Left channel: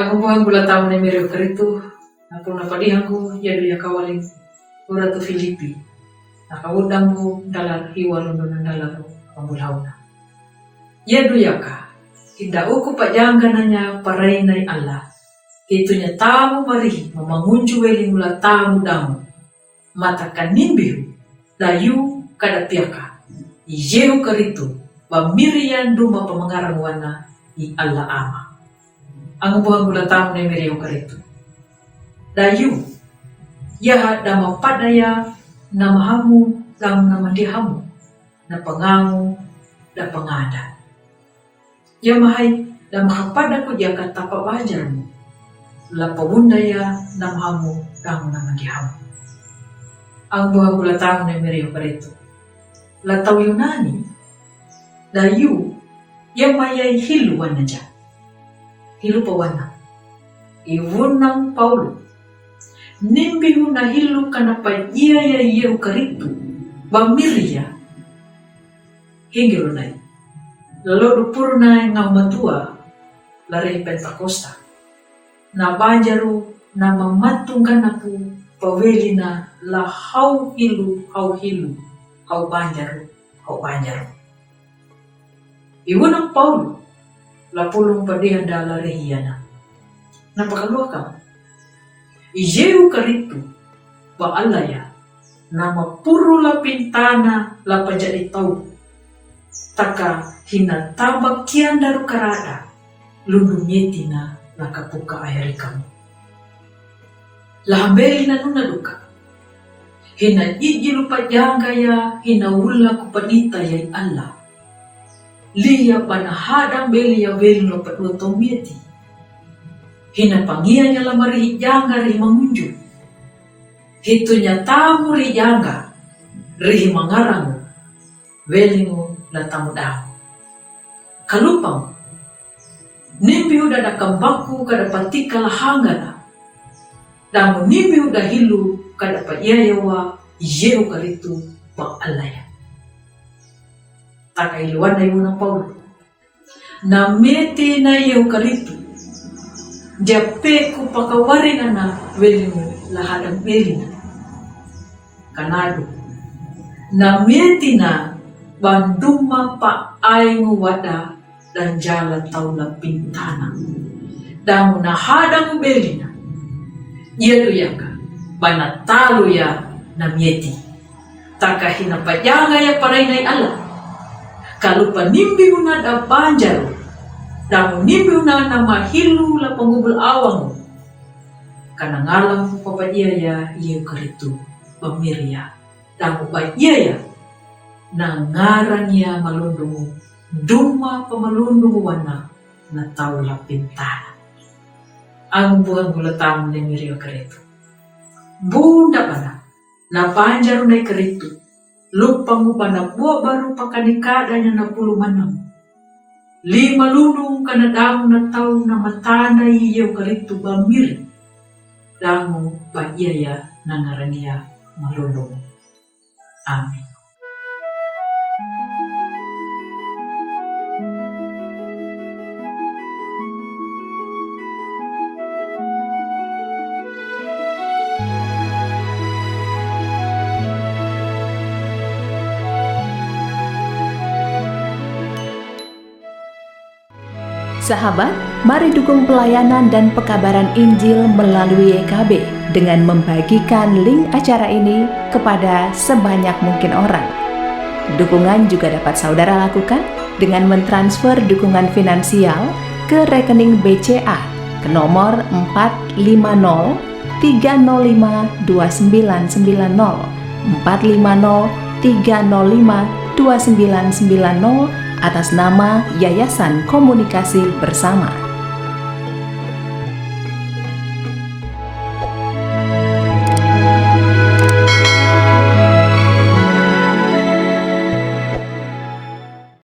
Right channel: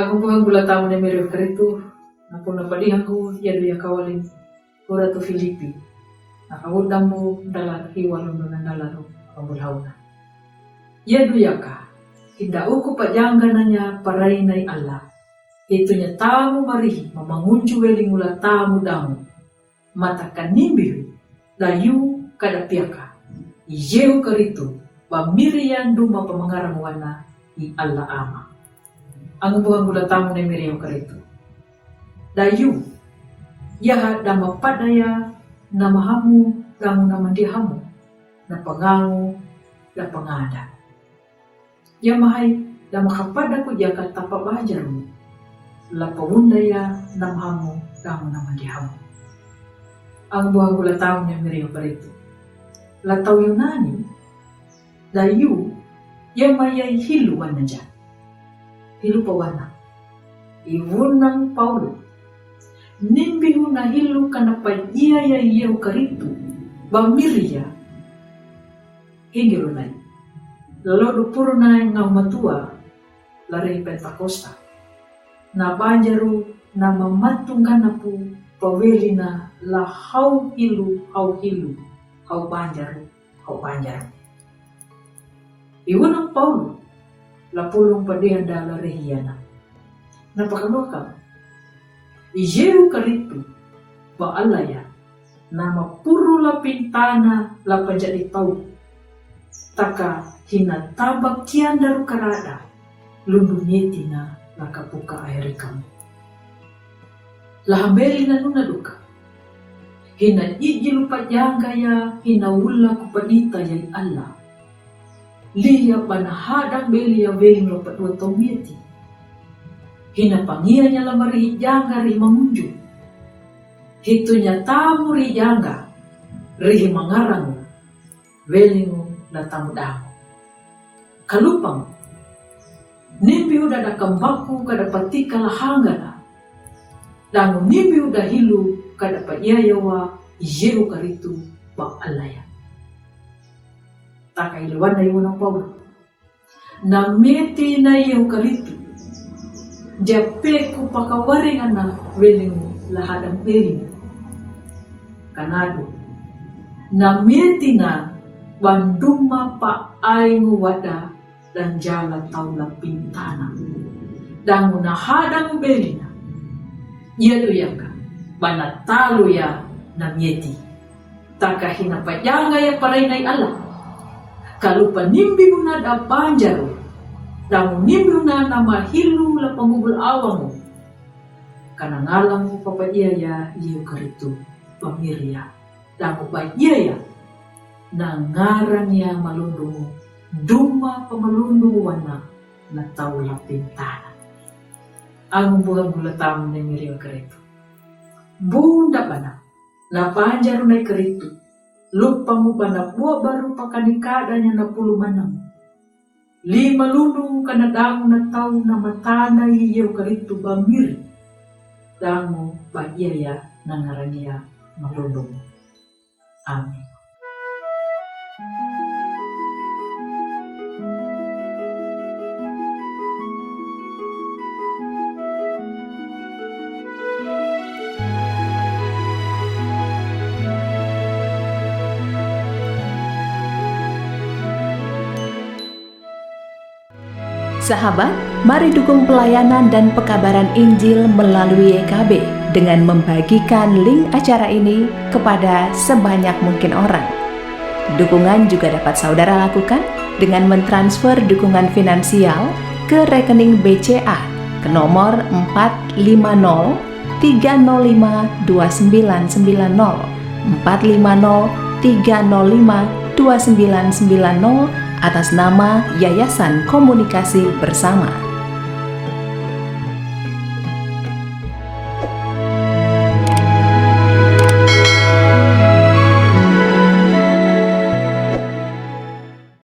Aku buang gula tamu ni mirip keritu, aku napadihan ko yado ya kawaling ura tu Filipi. Nakabudang mo dalar hiwalon na dalaro pambulhaw na. Yado ya ka, hinda uko pa jangga na niya paray na Allah. Ito niya tamu marihi mamangunju weling mula tamu damu. Mata kanimbihu dayu kadapiaka. Iyehu karitu pamirian duma pamangarang wana i Allah ama. Ang buang gula tamu na mireo karitu. Dayu, yaha dama padaya na mahamu damu na mandihamu, na pangangu da pangada. Ya mahay da makapada ko diya katapa bajarmu, la pabundaya na mahamu damu na mandihamu. Ang buang gula tamu na mireo karitu. La tau Yunani, dayu, ya mayay hiluan na dyan. Hilu pawana. Iwunang Paulo. Nimbihu na hilu kanapa iya ya iya ukaritu. Bamiria. Hinggiro na. Lalo puro na nga matua. Lari Pentakosta. Na banjaru na mamatungkan na po paweli na lahaw hilu, haw hilu. Haw banjaru, haw banjaru. Iwunang Paulo. Lapulong padihan dala rehiyana. Napakalua ka. Iyehu karitu ba alaya nama puro la pintana la pajadi tau. Taka hinatabak kian daru karada lundunyeti na nakapuka ayari kamu. Lahambeli na nuna duka. Hina ijilu pajanga ya hina wula kupadita ya Allah. Liya panahadang beli ya beli no padua tomieti. Hina pangia nya lamari janga ri mangunju. Hitunya tamu ri janga ri mangarang welingu la tamu damu. Kalupang nimbi udah da kambaku kada patika lahangana. Damu nimbi udah hilu kada pa iyayawa iyeu karitu pa alaya. Takailuan na yun ng Paulo. Na meti na iyo karitu. Jape ko pakawari na welimu lahadang belina. Kanado. Na meti na banduma pa ay nguwada dan jalan taula pintana. Damu na hadang belina. Yelo yaka. Banatalo ya na meti. Takahinapajanga ya paray na Allah. Kalau panimbi una da banjaro, damu nimbi una nama hilu la pangubul awang. Kanangalam mo papadiaya iyo karitu pamiria. Damu ba iya nangarang ya malundungu, duma pamalundungu wana na taula pintana. Ang buang gulatamu na miriyo karitu. Bunda pana, na banjaro na karitu. Lupa mo ba na buwa baru pakanikada niya na pulumanang. 5 lulong kanadang na tao na matana iyo karito ba miri. Dango ba iyaya na naraniya malulong. Amen. Sahabat, mari dukung pelayanan dan pekabaran Injil melalui YKB dengan membagikan link acara ini kepada sebanyak mungkin orang. Dukungan juga dapat saudara lakukan dengan mentransfer dukungan finansial ke rekening BCA ke nomor 450 305 2990 450 305 2990 atas nama Yayasan Komunikasi Bersama.